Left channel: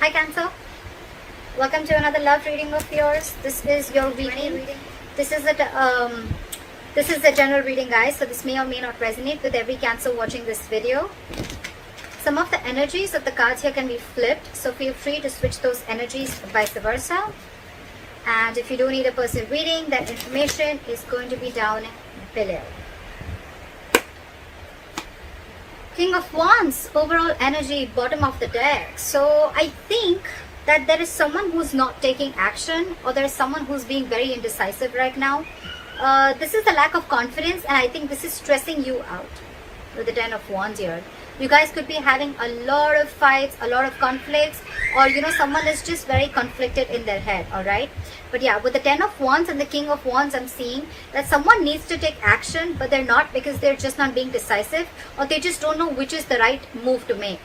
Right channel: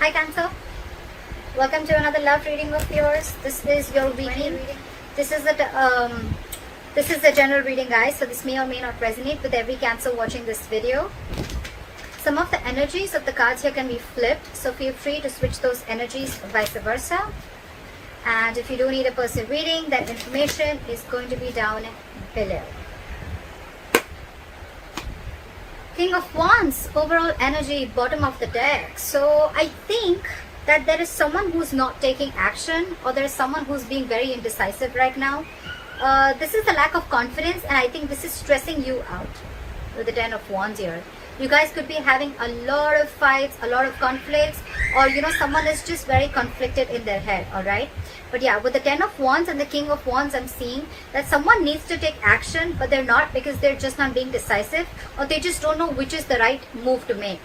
Hi Cancer, welcome to another love reading of yours. This is your weekly reading. This is the general reading, guys, so this may or may not resonate with every Cancer watching this video. Some of the energies of the cards here can be flipped, so feel free to switch those energies vice versa. And if you do need a personal reading, that information is going to be down below. King of Wands, overall energy, bottom of the deck. So I think that there is someone who's not taking action, or there is someone who's being very indecisive right now. This is the lack of confidence, and I think this is stressing you out with the Ten of Wands here. You guys could be having a lot of fights, a lot of conflicts, or someone is just very conflicted in their head, alright? But yeah, with the Ten of Wands and the King of Wands, I'm seeing that someone needs to take action, but they're not, because they're just not being decisive, or they just don't know which is the right move to make.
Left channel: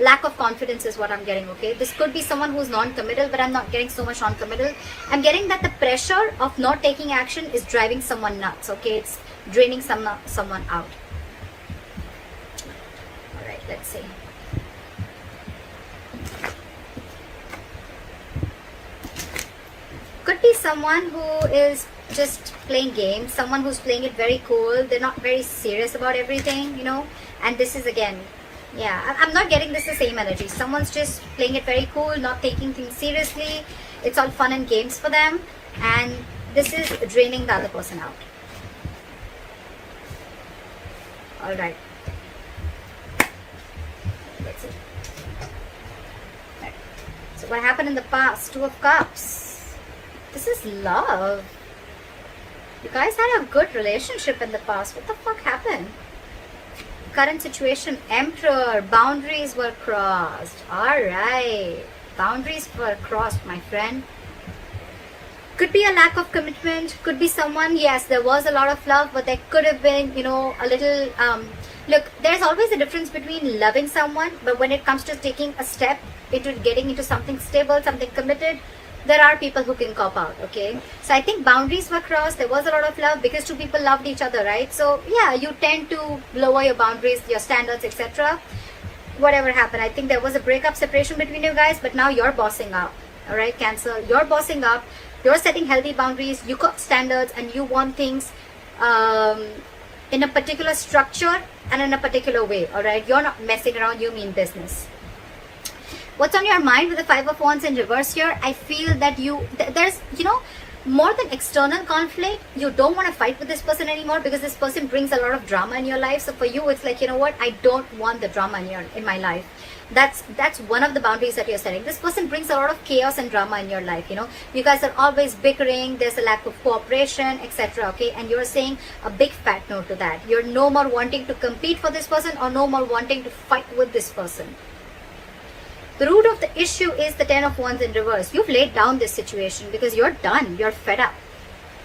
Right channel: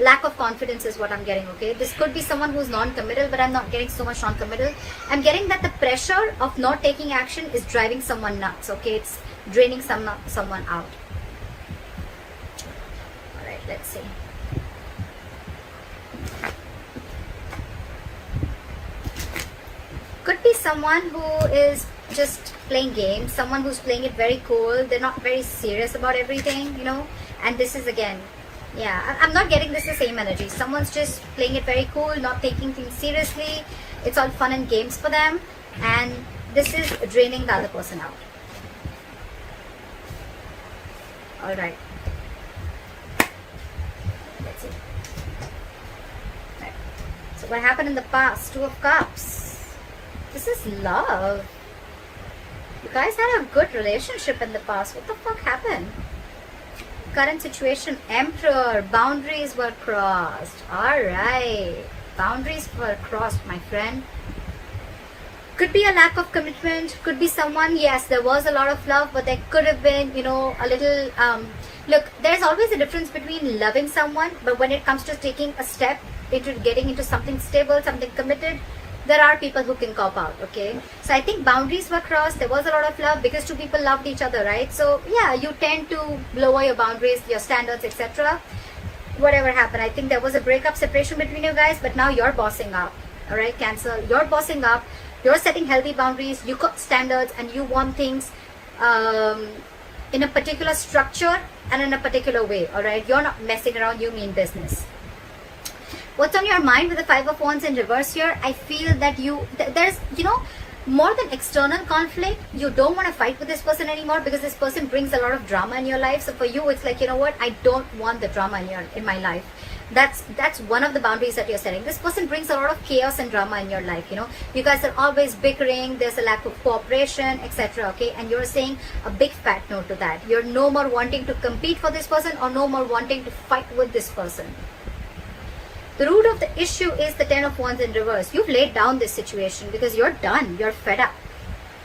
Lack of confidence is what I'm getting, okay? This could be someone who's non-committal, but I'm not getting so much non-committal. I'm getting that the pressure of not taking action is driving someone nuts, okay? It's draining someone out. Alright, let's see. Could be someone who is just playing games, someone who's playing it very cool. They're not very serious about everything, and this is again, yeah, I'm not getting this the same energy. Someone's just playing it very cool, not taking things seriously. It's all fun and games for them, and this is draining the other person out. Alright, let's see. Right. So what happened in the past? Two of Cups. This is love. You guys had a good relationship in the past. What the fuck happened? Current situation, Emperor. Boundaries were crossed. Alright. Boundaries were crossed, my friend. Could be a lack of commitment. Could be someone, yes, there was a lot of love, but there could have been, a little... Look, there's always a difference between loving someone, but when it comes to taking a step into getting into something stable, something committed, there are people who can cop out, okay? So I think boundaries were crossed. There was a lot of love because two people loved each other, right? So yeah, you tend to lower your boundaries, your standards, etc. Whatever happened, I think there was a breakup, separation between you guys, but now you're bossing up, all right, Cancer? You're bossing up. You're setting healthy boundaries. You got standards, and you want things in a particular structure and in a particular way, all right? You're not messing around. You mean business. What's on your mind with the Five of Wands in reverse here? I feel that there's, more than external conflict, you don't want to fight with this person anymore, because this person brings a lot of drama in your life. So for you, it's like, you know what? I don't want the drama in my life. That's one of the boundaries that you're setting. This person brings a lot of chaos and drama in your life, You guys are always bickering. There's a lack of cooperation, etc. Okay? And you're saying a big fat no to that. You're no more wanting to compete for this person, or no more wanting to fight with this person. The root of the issue is the Ten of Wands in reverse. You've laid down this situation because you're done. You're fed up.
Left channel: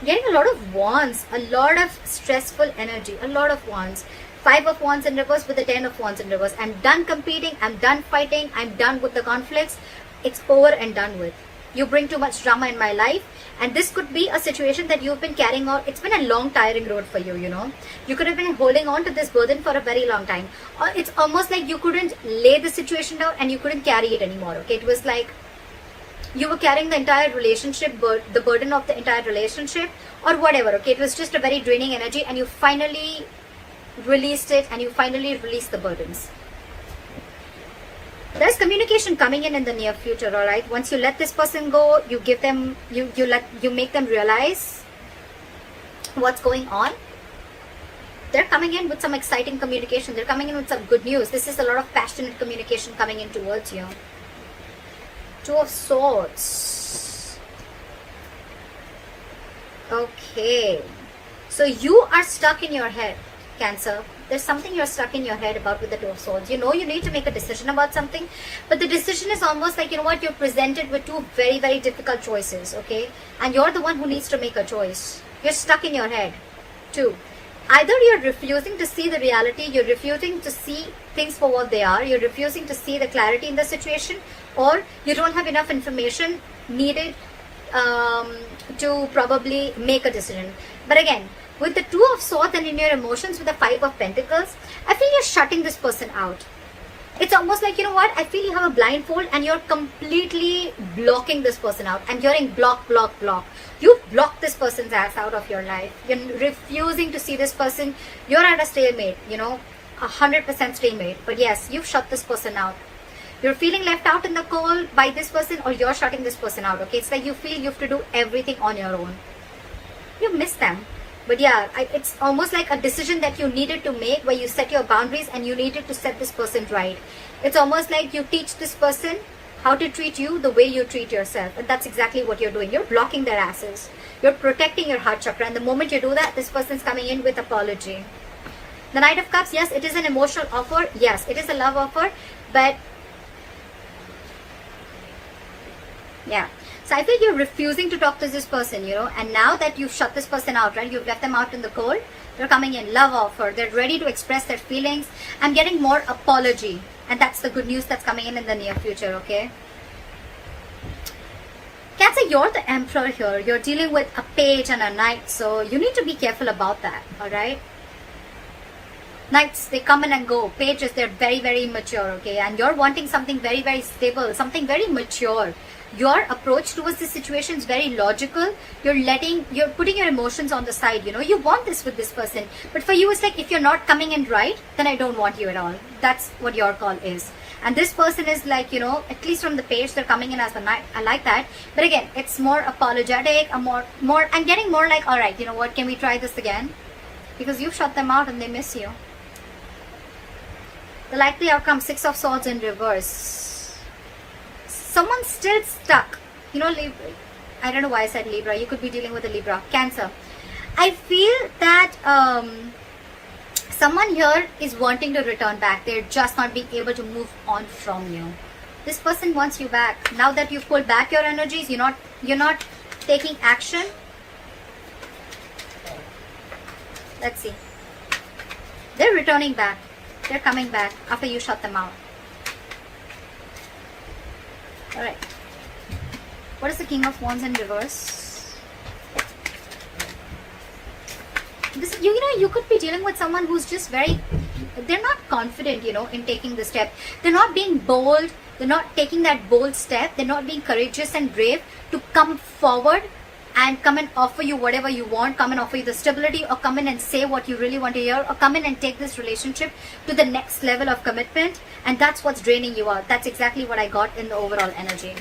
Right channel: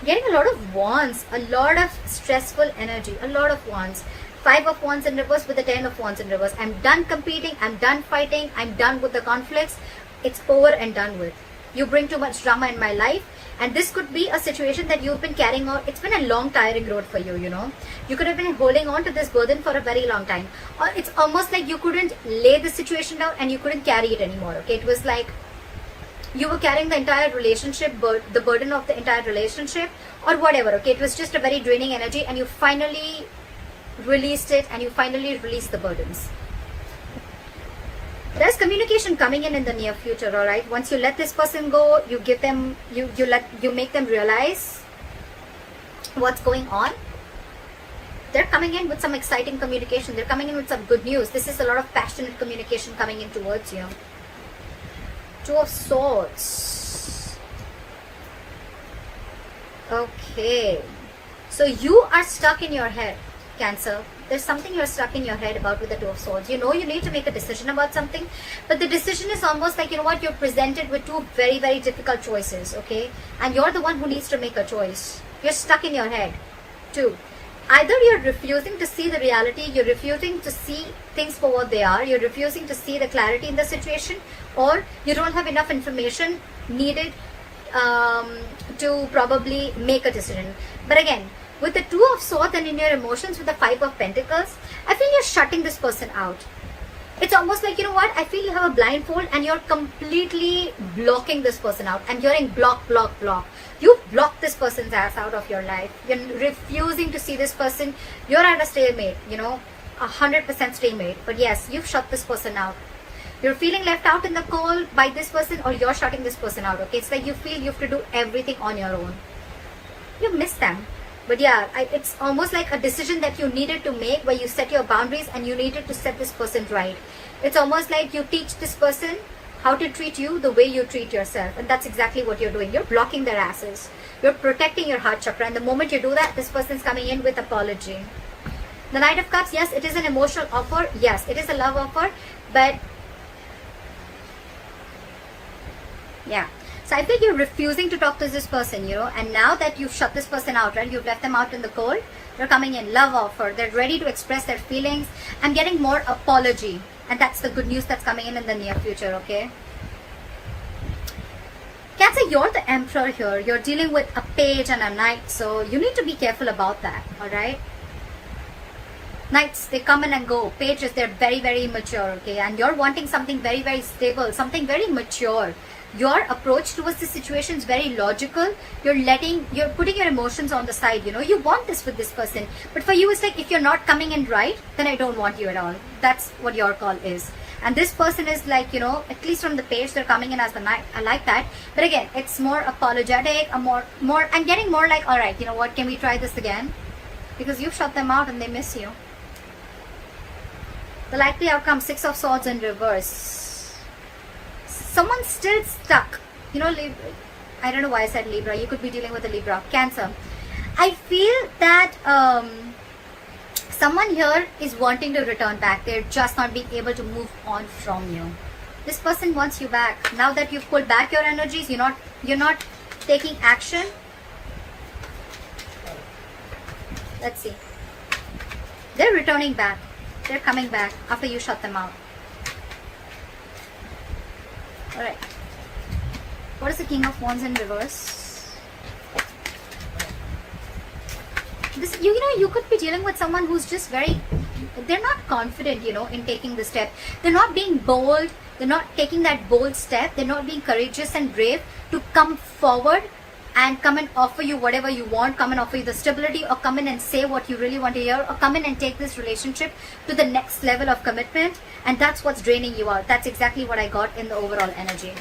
Getting a lot of wands, a lot of stressful energy, a lot of wands. Five of Wands in reverse with the Ten of Wands in reverse. I'm done competing. I'm done fighting. I'm done with the conflicts. It's over and done with. You bring too much drama in my life. And this could be a situation that you've been carrying on. It's been a long, tiring road for you, You could have been holding on to this burden for a very long time. Or it's almost like you couldn't lay the situation down and you couldn't carry it anymore, okay? It was like you were carrying the entire relationship, the burden of the entire relationship, or whatever, okay? It was just a very draining energy, and you finally released it, and you finally released the burdens. There's communication coming in the near future, all right? Once you let this person go, you give them, you make them realize what's going on. They're coming in with some exciting communication. They're coming in with some good news. This is a lot of passionate communication coming in towards you. Two of Swords. Okay. So you are stuck in your head, Cancer. There's something you're stuck in your head about with the Two of Swords. You need to make a decision about something, but the decision is almost like, you're presented with two very, very difficult choices, okay? And you're the one who needs to make a choice. You're stuck in your head. Two. Either you're refusing to see the reality, you're refusing to see things for what they are, you're refusing to see the clarity in the situation, or you don't have enough information needed to probably make a decision. But again, with the Two of Swords and in your emotions with the Five of Pentacles, I feel you're shutting this person out. It's almost like, you know what, I feel you have a blindfold and you're completely blocking this person out. I'm hearing block, block, block. You block this person's ass out of your life. You're refusing to see this person. You're at a stalemate, you know, 100% stalemate. But yes, you've shut this person out. You're feeling left out in the cold by this person, or you're shutting this person out, okay? It's like you feel you have to do everything on your own. You miss them. But yeah, it's almost like a decision that you needed to make, where you set your boundaries and you needed to set this person right. It's almost like you teach this person how to treat you the way you treat yourself. And that's exactly what you're doing. You're blocking their asses. You're protecting your heart chakra. And the moment you do that, this person's coming in with apology. The Knight of Cups, yes, it is an emotional offer. Yes, it is a love offer. But yeah. So I feel you're refusing to talk to this person, you know, and now that you've shut this person out, right, you've left them out in the cold, they're coming in, love offer, they're ready to express their feelings. I'm getting more apology, and that's the good news that's coming in the near future, okay? Cancer, you're the Emperor here. You're dealing with a page and a knight, so you need to be careful about that, alright? Knights, they come in and go. Pages, they're very, very mature, okay? And you're wanting something very, very stable, something very mature. Your approach towards the situation is very logical. You're putting your emotions on the side, you know. You want this with this person. But for you, it's like, if you're not coming in right, then I don't want you at all. That's what your call is. And this person is like, you know, at least from the page, they're coming in as the knight. I like that. But again, it's more apologetic, I'm getting more like, all right, you know what, can we try this again? Because you've shut them out and they miss you. The likely outcome, Six of Swords in reverse. Someone's still stuck. You know, Libra. I don't know why I said Libra. You could be dealing with a Libra. Cancer. I feel that someone here is wanting to return back. They're just not being able to move on from you. This person wants you back. Now that you've pulled back your energies, you're not taking action. Let's see. They're returning back. They're coming back after you shut them out. Alright. What is the King of Wands in reverse? This, you know, you could be dealing with someone who's just they're not confident, you know, in taking the step. They're not being bold. They're not taking that bold step. They're not being courageous and brave to come forward and come and offer you whatever you want, come and offer you the stability, or come in and say what you really want to hear, or come in and take this relationship to the next level of commitment. And that's what's draining you out. That's exactly what I got in the overall energy.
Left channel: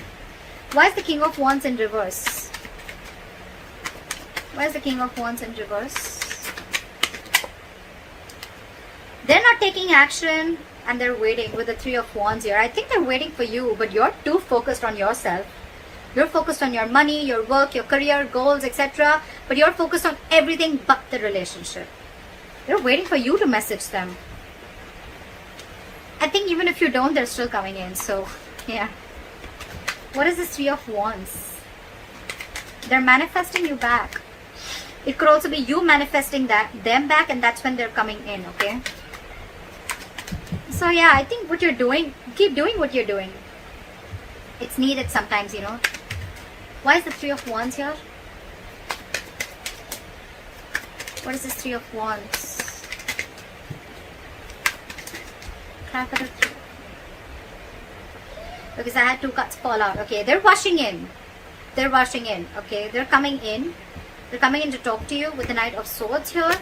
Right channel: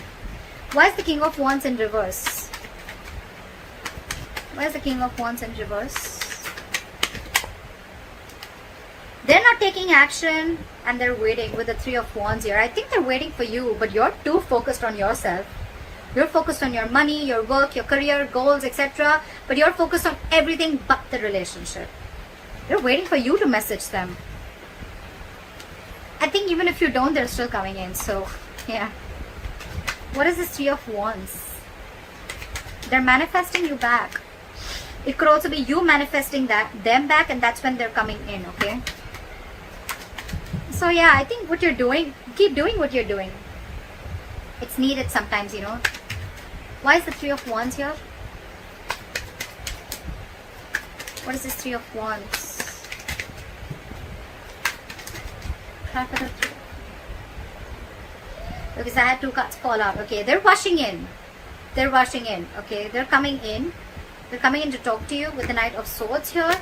Why is the King of Wands in reverse? Why is the King of Wands in reverse? They're not taking action and they're waiting with the Three of Wands here. I think they're waiting for you, but you're too focused on yourself. You're focused on your money, your work, your career, goals, etc. But you're focused on everything but the relationship. They're waiting for you to message them. I think even if you don't, they're still coming in. So, yeah. What is this Three of Wands? They're manifesting you back. It could also be you manifesting them back, and that's when they're coming in, okay? So, yeah, I think what you're doing, keep doing what you're doing. It's needed sometimes, you know. Why is the Three of Wands here? What is this Three of Wands? Because I had two cards fall out. Okay, they're rushing in. They're rushing in. Okay, they're coming in. They're coming in to talk to you with the Knight of Swords here.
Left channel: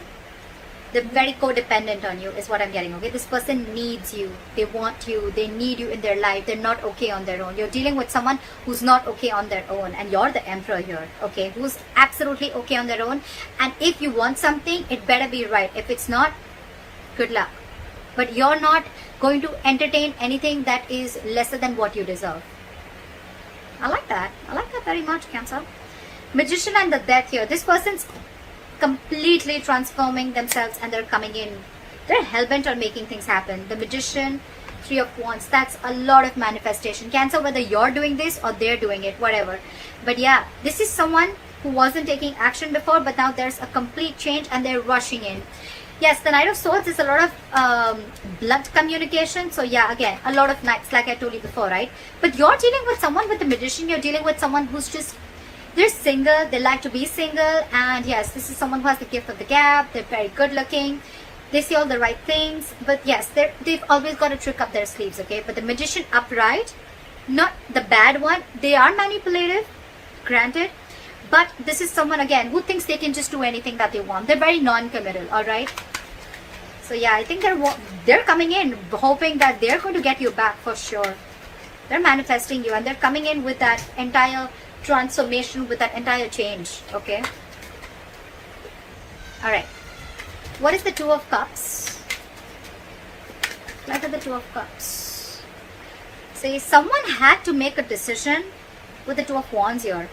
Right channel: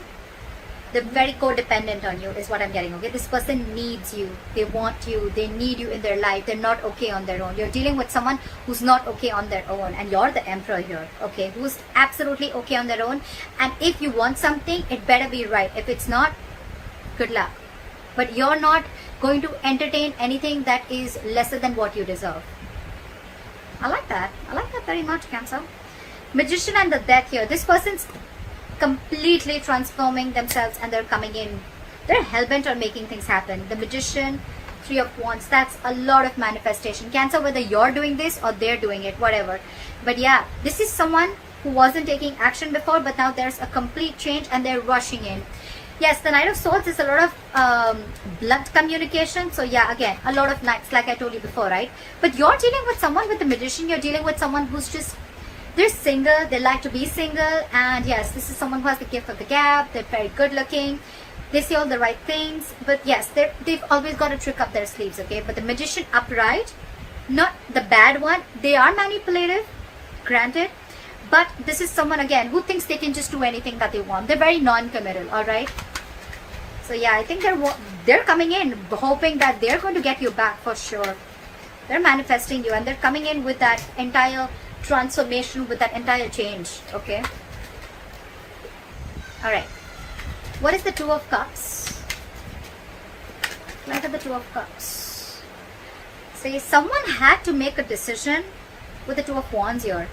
They're very codependent on you is what I'm getting. Okay, this person needs you. They want you. They need you in their life. They're not okay on their own. You're dealing with someone who's not okay on their own, and you're the Emperor here. Okay, who's absolutely okay on their own. And if you want something, it better be right. If it's not, good luck. But you're not going to entertain anything that is lesser than what you deserve. I like that. I like that very much, Cancer. Magician and the Death here. This person's completely transforming themselves and they're coming in. They're hell-bent on making things happen. The Magician, Three of Wands, that's a lot of manifestation. Cancer, whether you're doing this or they're doing it, whatever. But yeah, this is someone who wasn't taking action before, but now there's a complete change and they're rushing in. Yes, the Knight of Swords is a lot of blood communication. So yeah, again, a lot of knights, like I told you before, right? But you're dealing with someone with the Magician. You're dealing with someone who's just, they're single, they like to be single, and yes, this is someone who has the gift of the gab, they're very good looking, They say all the right things, but yes, they've always got a trick up their sleeves, okay? But the Magician upright, not the bad one, they are manipulative, granted, but this is someone, again, who thinks they can just do anything that they want. They're very non-committal, alright? So yeah, I think they're coming in hoping that they're going to get you back for sure. They're manifesting you, and they're coming in with that entire transformation, with that entire change, okay? Alright. What is the Two of Cups? What are the Two of Cups? Say someone had to make a decision with the Two of Wands here.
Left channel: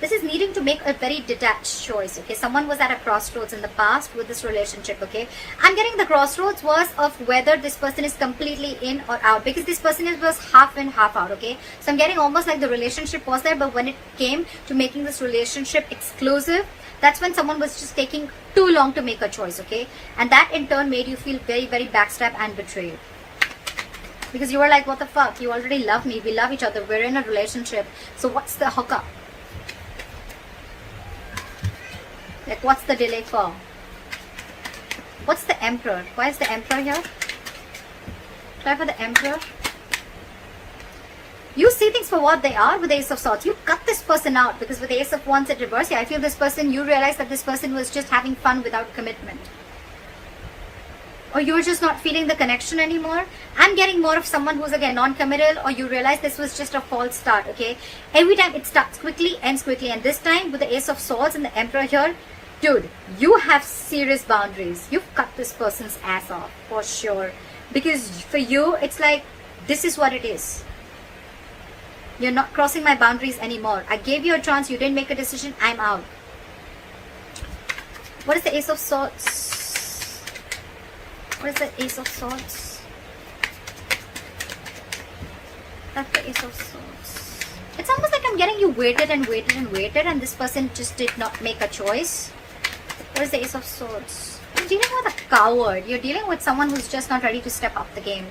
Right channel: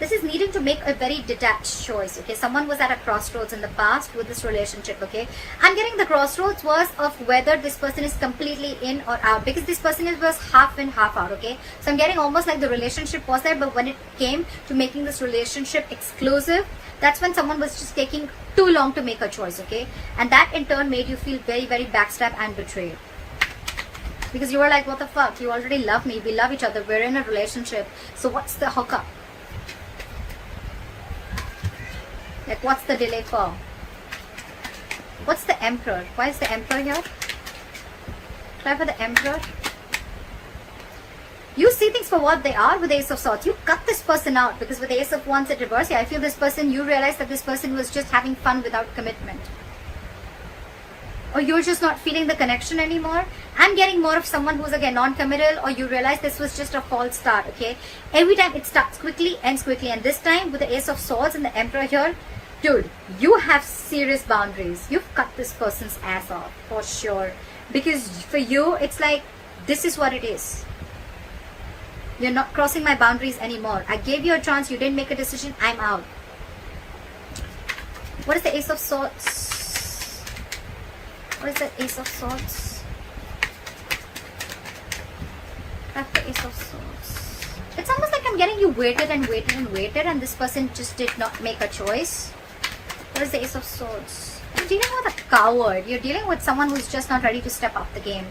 This is needing to make a very detached choice, okay? Someone was at a crossroads in the past with this relationship, okay? I'm getting the crossroads was of whether this person is completely in or out, because this person was half in, half out, okay? So I'm getting almost like the relationship was there, but when it came to making this relationship exclusive, that's when someone was just taking too long to make a choice, okay? And that in turn made you feel very, very backstabbed and betrayed. Because you were like, what the fuck? You already love me. We love each other. We're in a relationship. So what's the hookup? Like, what's the delay for? What's the Emperor? Why is the Emperor here? Try for the Emperor. You see things for what they are with the Ace of Swords. You cut this person out, because with the Ace of Wands in reverse, I feel this person, you realize that this person was just having fun without commitment. Or you're just not feeling the connection anymore. I'm getting more of someone who's again non-committal, or you realize this was just a false start, okay? Every time it starts quickly, ends quickly. And this time with the Ace of Swords and the Emperor here, dude, you have serious boundaries. You've cut this person's ass off, for sure. Because for you, it's like, this is what it is. You're not crossing my boundaries anymore. I gave you a chance, you didn't make a decision, I'm out. What is the Ace of Swords? What is the Ace of Swords? After Ace of Swords. It's almost like I'm getting you waited and waited and waited, and this person just did not make a choice. What is the Ace of Swords? You're dealing with a coward. You're dealing with someone who's just not ready to step up the game.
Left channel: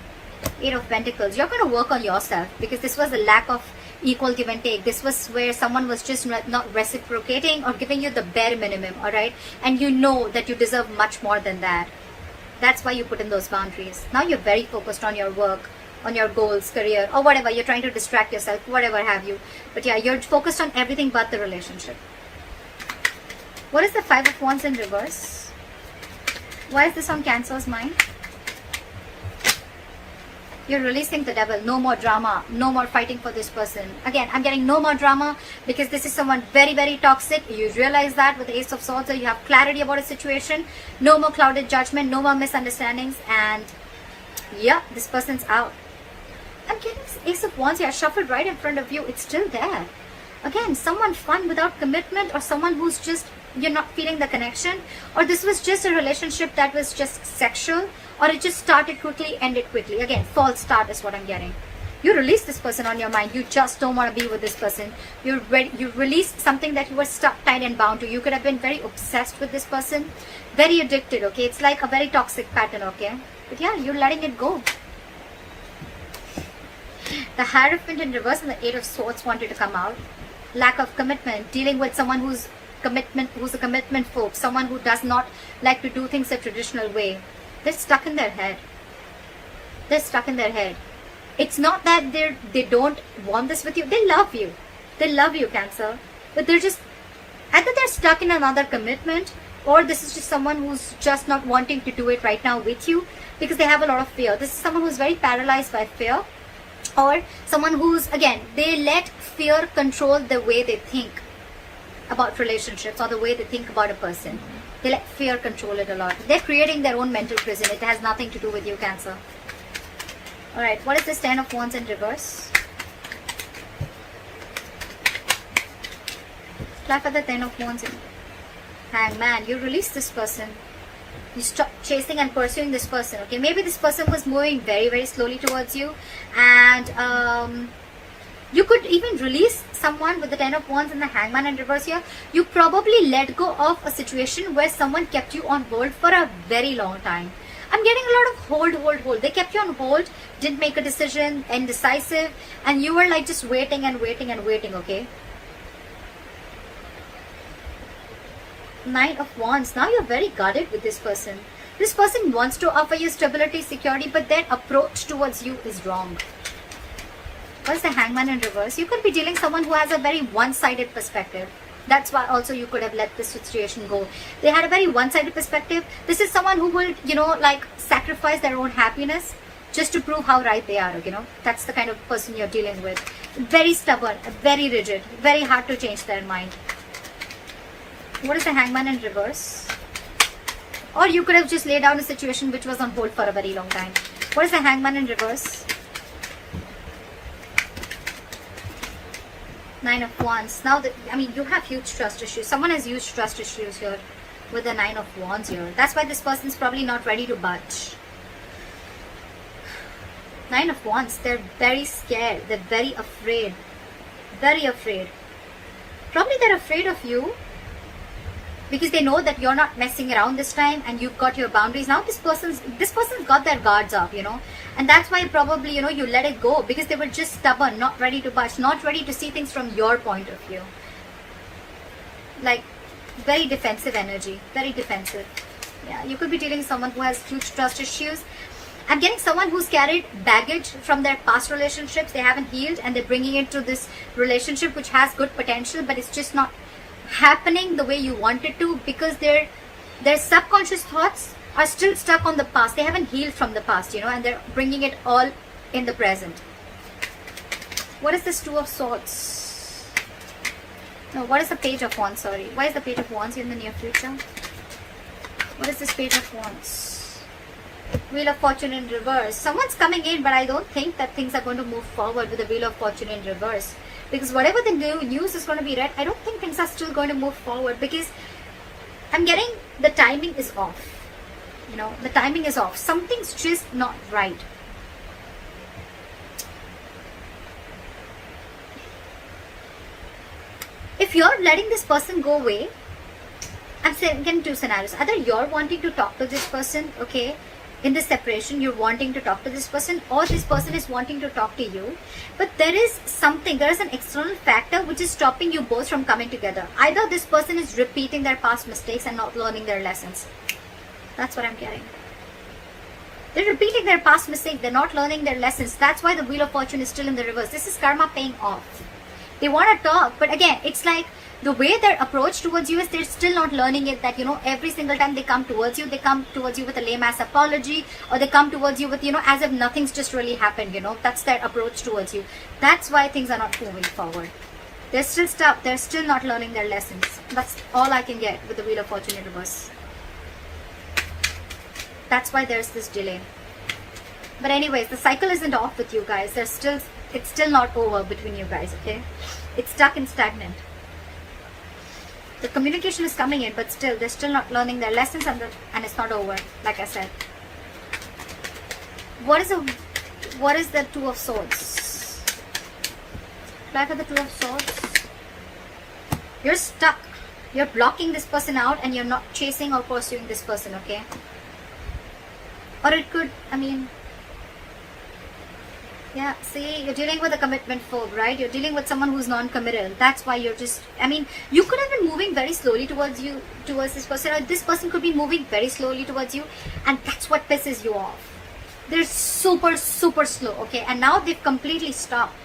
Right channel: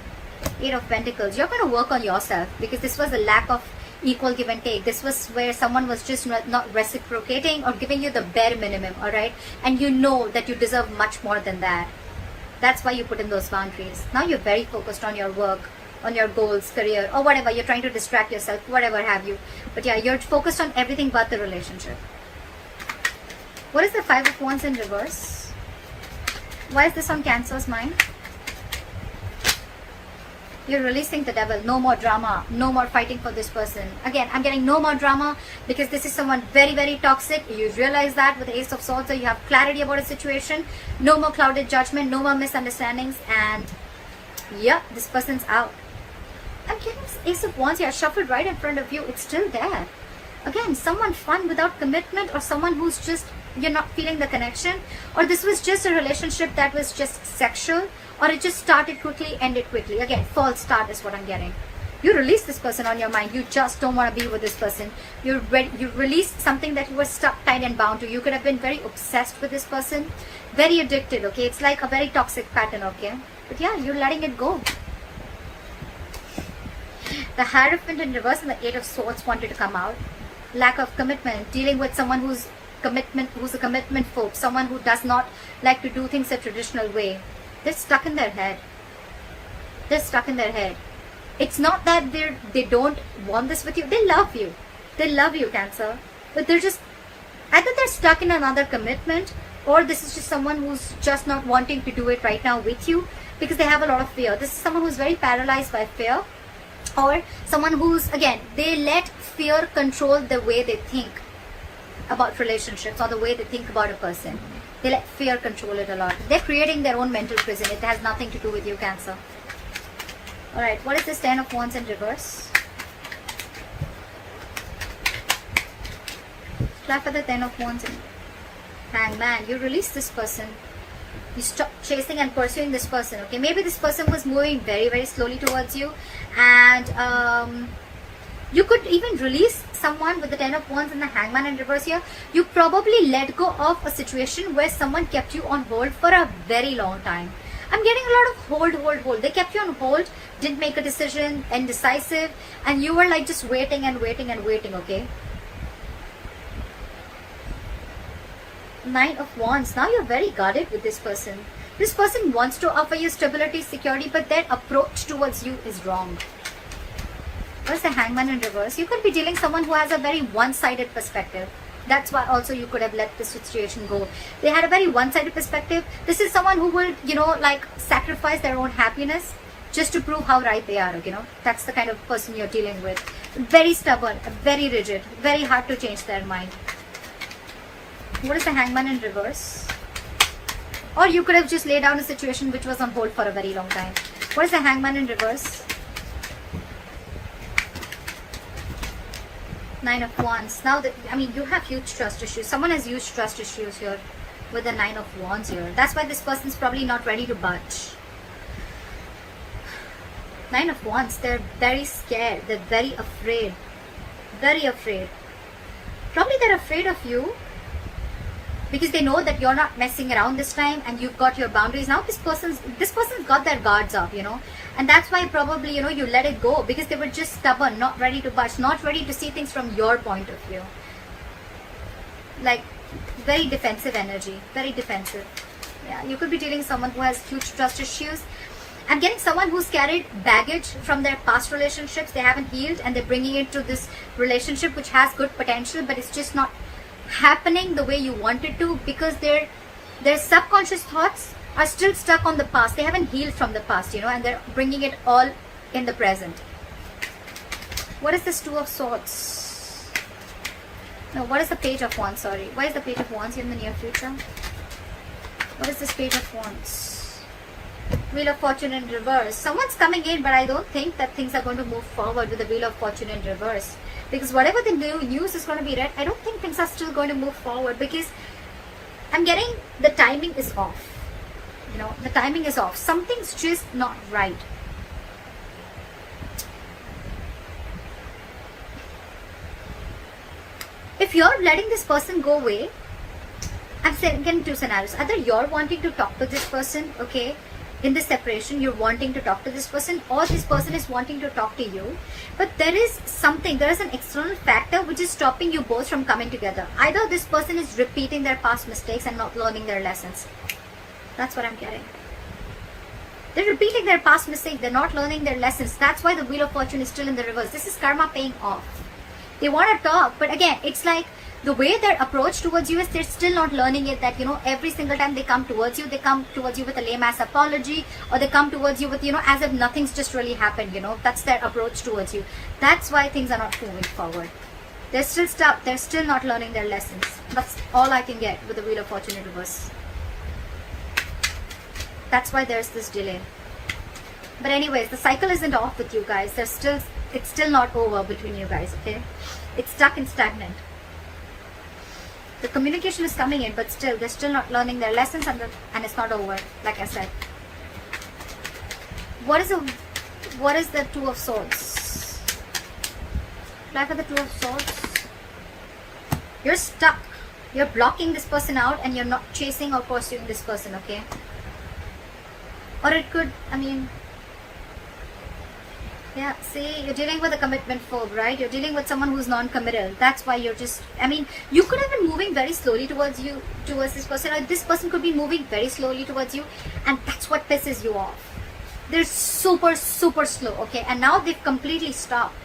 Eight of Pentacles. You're going to work on yourself, because this was a lack of equal give and take. This was where someone was just not reciprocating or giving you the bare minimum, alright? And you know that you deserve much more than that. That's why you put in those boundaries. Now you're very focused on your work, on your goals, career, or whatever. You're trying to distract yourself, whatever have you. But yeah, you're focused on everything but the relationship. What is the Five of Wands in reverse? Why is this on Cancer's mind? You're releasing the devil. No more drama. No more fighting for this person. Again, I'm getting no more drama, because this is someone very, very toxic. You realize that with the Ace of Swords, so you have clarity about a situation. No more clouded judgment. No more misunderstandings. And yeah, this person's out. I'm getting this Ace of Wands here shuffled right in front of you. It's still there. Again, someone fun without commitment, or someone who's just, you're not feeling the connection, or this was just a relationship that was just sexual, or it just started quickly, ended quickly. Again, false start is what I'm getting. You release this person on your mind. You just don't want to be with this person. You released something that you were stuck, tied and bound to. You could have been very obsessed with this person, very addicted, okay? It's like a very toxic pattern, okay? But yeah, you're letting it go. The Hierophant in reverse and the Eight of Swords wanted to come out. Lack of commitment, dealing with someone who's a commitment phobe, someone who does not like to do things a traditional way. They're stuck in their head. They're stuck in their head. It's not that they don't want this with you. They love you. They love you, Cancer. But they're just, either they're stuck in another commitment, or this is just someone who's just not wanting to do it right now with you, because they have a lot of fear. This is someone who's very paralyzed by fear, or someone who's, again, they let fear control the way they think about relationships, or the way they think about a person. They let fear control it a lot. They're creating their own mental prison. It has nothing to do with you, Cancer. Alright, what is this Ten of Wands in reverse? Clap at the Ten of Wands in. Hangman, you release this person. You stop chasing and pursuing this person, okay? Maybe this person was moving very, very slowly towards you, and you could even release someone with the Ten of Wands and the Hangman in reverse here. You probably let go of a situation where someone kept you on hold for a very long time. I'm getting a lot of hold. They kept you on hold, didn't make a decision, indecisive, and you were like just waiting and waiting and waiting, okay? Nine of Wands. Now you're very guarded with this person. This person wants to offer you stability, security, but their approach towards you is wrong. What is the Hangman in reverse? You could be dealing someone who has a very one-sided perspective. That's why also you could have let this situation go. They had a very one-sided perspective. This is someone who will, like sacrifice their own happiness just to prove how right they are, That's the kind of person you're dealing with. Very stubborn, very rigid, very hard to change their mind. What is the Hangman in reverse? Or you could have just laid down a situation which was on hold for a very long time. What is the Hangman in reverse? Nine of Wands. Now that, you have huge trust issues. Someone has huge trust issues here with the Nine of Wands here. That's why this person is probably not ready to budge. Nine of Wands, they're very scared. They're very afraid. Very afraid. Probably they're afraid of you because they know that you're not messing around this time and you've got your boundaries. Now this person's got their guards up, and that's why probably, you let it go because they were just stubborn, not ready to budge, not ready to see things from your point of view. Like, very defensive energy, very defensive. Yeah, you could be dealing with someone who has huge trust issues. I'm getting someone who's carried baggage from their past relationships. They haven't healed and they're bringing it to this relationship which has good potential, but it's just not happening the way you want it to because their subconscious thoughts are still stuck on the past. They haven't healed from the past, and they're bringing it all in the present. What is this Two of Swords? What is the Page of Wands? Sorry. Why is the Page of Wands in the near future? What is this Page of Wands? Wheel of Fortune in reverse. Someone's coming in, but I don't think that things are going to move forward with the Wheel of Fortune in reverse. Because whatever they do, use is going to be right. I don't think things are still going to move forward because I'm getting the timing is off. The timing is off. Something's just not right. If you're letting this person go away, I'm getting two scenarios. Either you're wanting to talk to this person, okay, in this separation, you're wanting to talk to this person, or this person is wanting to talk to you. But there is an external factor which is stopping you both from coming together. Either this person is repeating their past mistakes and not learning their lessons. That's what I'm getting. They're repeating their past mistakes. They're not learning their lessons. That's why the Wheel of Fortune is still in the reverse. This is karma paying off. They want to talk, but again, it's like the way their approach towards you is they're still not learning it, that, every single time they come towards you with a lame-ass apology, or they come towards you with, as if nothing's just really happened, That's their approach towards you. That's why things are not moving forward. They're still stuck. They're still not learning their lessons. That's all I can get with the Wheel of Fortune in reverse. That's why there's this delay. But anyways, the cycle isn't off with you guys. It's still not over between you guys, okay? It's stuck and stagnant. The communication is coming in, but still, they're still not learning their lessons and it's not over, like I said. What is the Two of Swords? Back of the Two of Swords. You're stuck. You're blocking this person out and you're not chasing or pursuing this person, okay? Or it could, yeah, see, you're dealing with a commitment phobe, right? You're dealing with someone who's non-committal. That's why you're just, you could have been moving very slowly towards this person, or this person could be moving very slowly towards you, and that's what pisses you off. They're super, super slow, okay? And now they've completely stopped.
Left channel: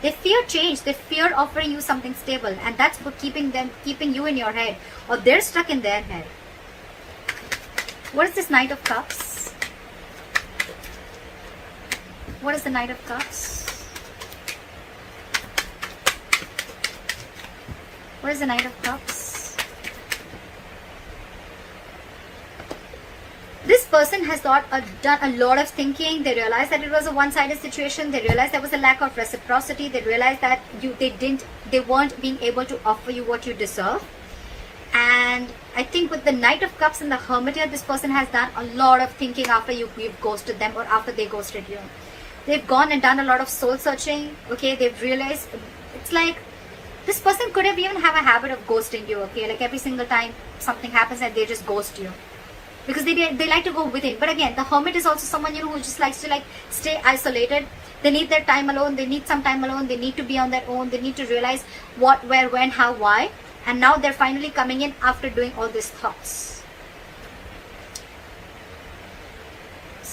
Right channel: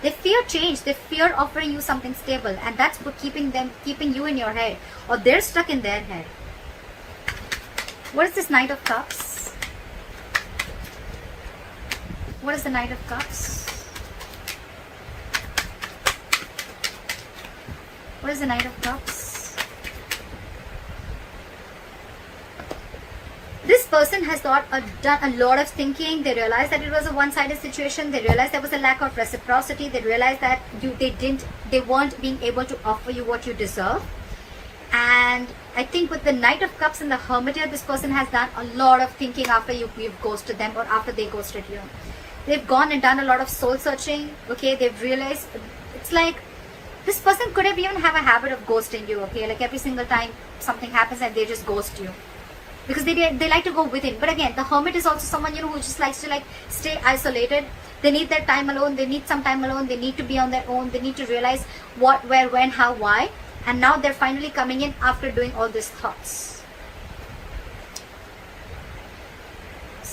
They fear change. They fear offering you something stable, and that's what keeping you in your head, or they're stuck in their head. What is this Knight of Cups? What is the Knight of Cups? What is the Knight of Cups? This person has done a lot of thinking. They realized that it was a one-sided situation. They realized there was a lack of reciprocity. They realized that they weren't being able to offer you what you deserve. And I think with the Knight of Cups and the Hermit here, this person has done a lot of thinking after you've ghosted them, or after they ghosted you. They've gone and done a lot of soul searching, okay? They've realized, it's like, this person could have even have a habit of ghosting you, okay? Like every single time something happens and they just ghost you. Because they like to go with it. But again, the Hermit is also someone, who just likes to stay isolated. They need their time alone. They need some time alone. They need to be on their own. They need to realize what, where, when, how, why. And now they're finally coming in after doing all these thoughts.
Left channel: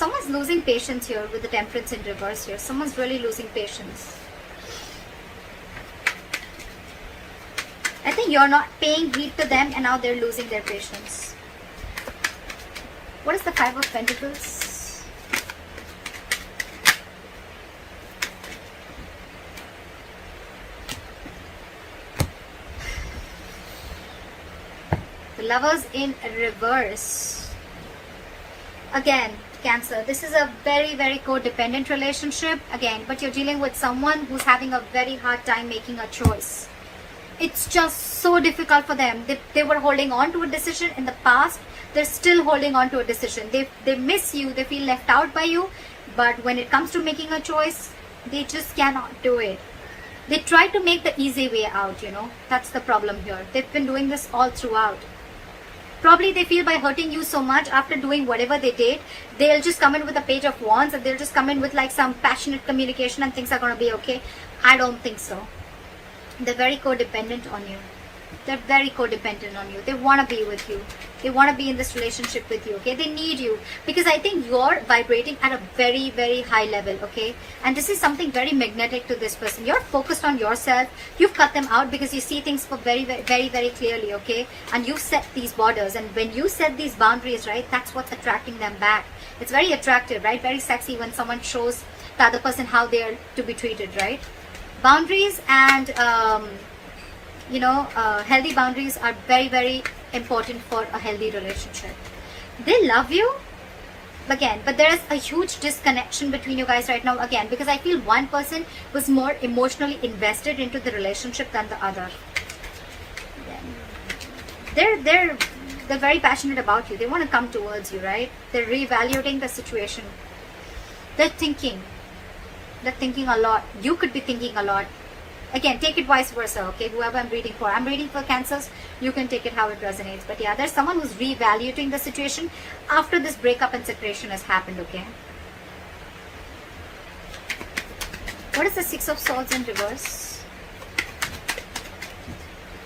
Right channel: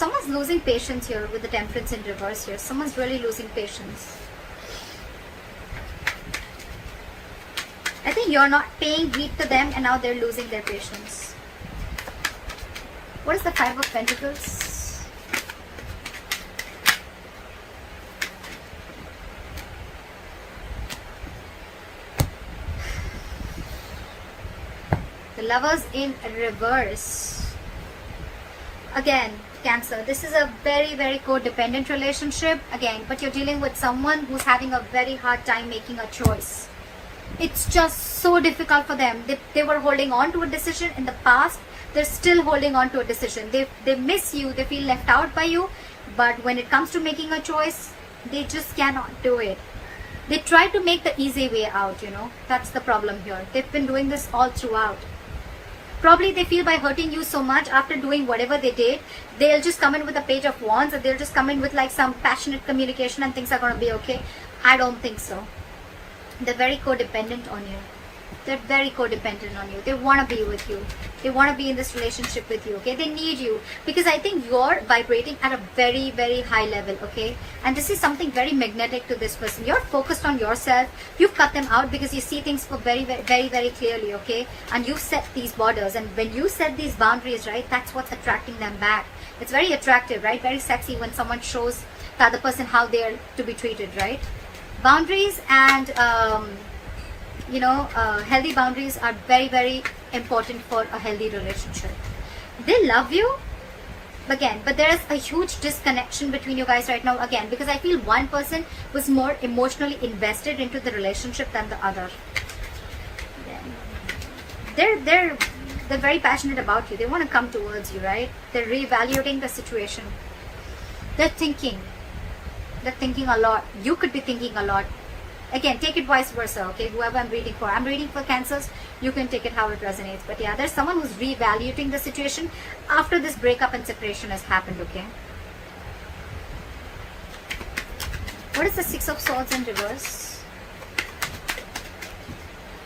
Someone's losing patience here with the Temperance in reverse here. Someone's really losing patience. I think you're not paying heed to them and now they're losing their patience. What is the Five of Pentacles? The Lovers in reverse. Again, Cancer, this is a very, very codependent relationship. Again, but you're dealing with someone who's having a very hard time making a choice. It's just so difficult for them. They were holding on to a decision in the past. They're still holding on to a decision. They miss you. They feel left out by you. But when it comes to making a choice, they just cannot do it. They try to make the easy way out, you know. That's the problem here. They've been doing this all throughout. Probably they feel by hurting you so much after doing whatever they did, they'll just come in with a page of wands and they'll just come in with like some passionate communication and things are going to be okay. I don't think so. They're very codependent on you. They're very codependent on you. They want to be with you. They want to be in this relationship with you, okay? They need you because I think you're vibrating at a very, very high level, okay? And this is something very magnetic to this person. You're focused on yourself. You've cut them out because you see things for very, very, very, very clearly, okay? And you've set these borders. And when you set these boundaries, right, that's what's attracting them back. It's very attractive, right? Very sexy when someone shows the other person how they're to be treated, right? Boundaries and healthy boundaries are very, very important for a healthy relationship. They love you again, but there is a huge disconnection between you guys right now again, because I feel one person was more emotionally invested into the relationship than the other. They're very passionate about you. They want to come towards you, right? They're reevaluating the situation. They're thinking a lot. You could be thinking a lot. Again, take it vice versa, okay? Whoever I'm reading for Cancers, you can take it how it resonates. But yeah, there's someone who's reevaluating the situation after this breakup and separation has happened, okay? What is the Six of Swords in reverse?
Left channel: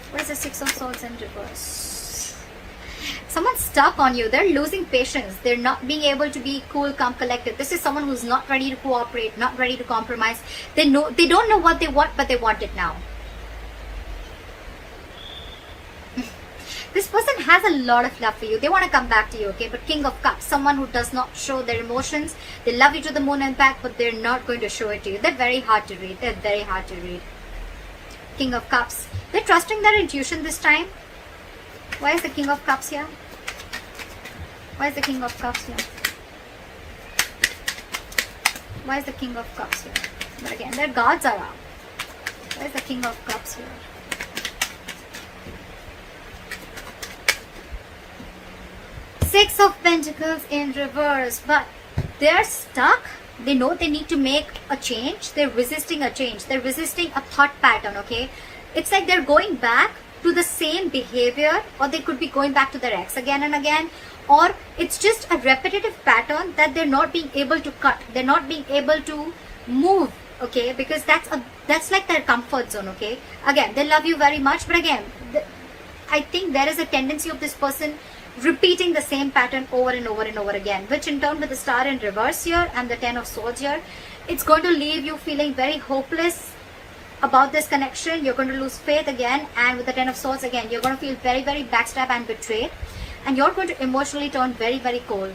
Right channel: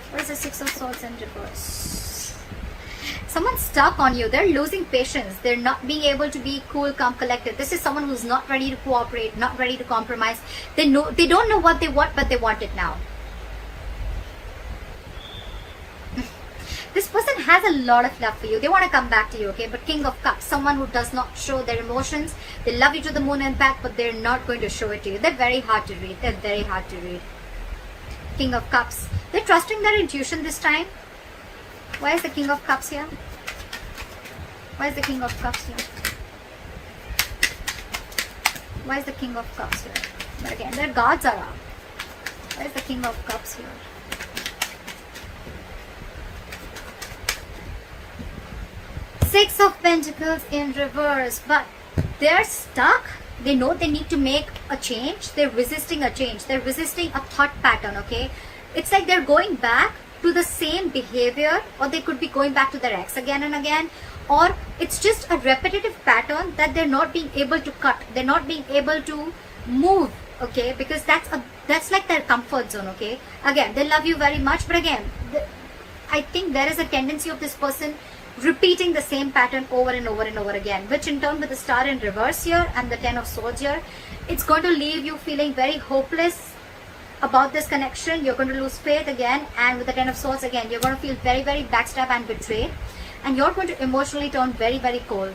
What is the Six of Swords in reverse? Someone's stuck on you. They're losing patience. They're not being able to be cool, calm, collected. This is someone who's not ready to cooperate, not ready to compromise. They don't know what they want, but they want it now. This person has a lot of love for you. They want to come back to you, okay? But King of Cups, someone who does not show their emotions. They love you to the moon and back, but they're not going to show it to you. They're very hard to read. They're very hard to read. King of Cups. They're trusting their intuition this time. Why is the King of Cups here? Why is the King of Cups here? Why is the King of Cups here? But again, their guards are up. Why is the King of Cups here? Six of Pentacles in reverse. But they're stuck. They know they need to make a change. They're resisting a change. They're resisting a thought pattern, okay? It's like they're going back to the same behavior, or they could be going back to their ex again and again, or it's just a repetitive pattern that they're not being able to cut. They're not being able to move, okay? Because that's like their comfort zone, okay? Again, they love you very much, but again, I think there is a tendency of this person repeating the same pattern over and over and over again, which in turn with the Star in reverse here and the Ten of Swords here, it's going to leave you feeling very hopeless about this connection. You're going to lose faith again, and with the Ten of Swords again, you're going to feel very, very backstabbed and betrayed, and you're going to emotionally turn very, very cold.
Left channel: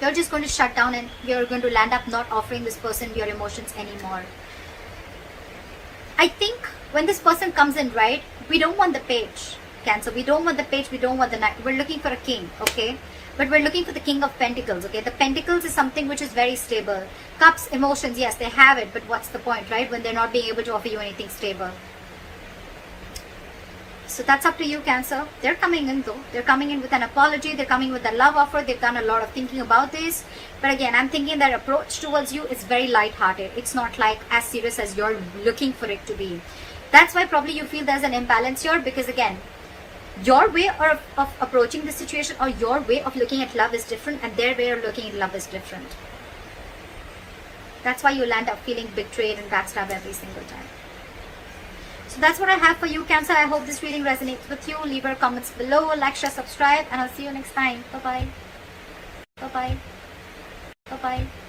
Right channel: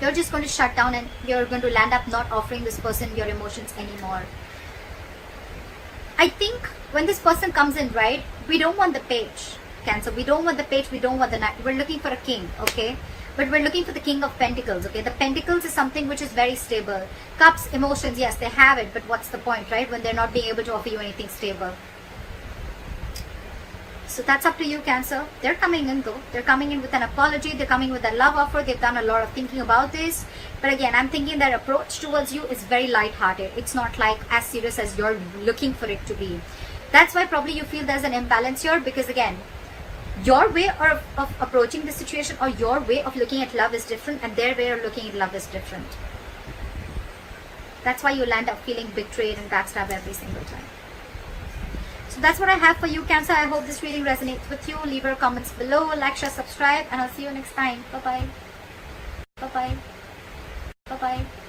You're just going to shut down and you're going to land up not offering this person your emotions anymore. I think when this person comes in, right, we don't want the page, Cancer. We don't want the page, we don't want the knight. We're looking for a king, okay? But we're looking for the King of Pentacles, okay? The Pentacles is something which is very stable. Cups, emotions, yes, they have it, but what's the point, right? When they're not being able to offer you anything stable. So that's up to you, Cancer. They're coming in though. They're coming in with an apology. They're coming with a love offer. They've done a lot of thinking about this. But again, I'm thinking their approach towards you is very light-hearted. It's not like as serious as you're looking for it to be. That's why probably you feel there's an imbalance here, because again, your way of approaching the situation or your way of looking at love is different, and their way of looking at love is different. That's why you land up feeling betrayed and backstabbed every single time. So that's what I have for you, Cancer. I hope this reading resonates with you. Leave your comments below, like, share, subscribe, and I'll see you next time. Bye-bye. Bye-bye. Bye-bye.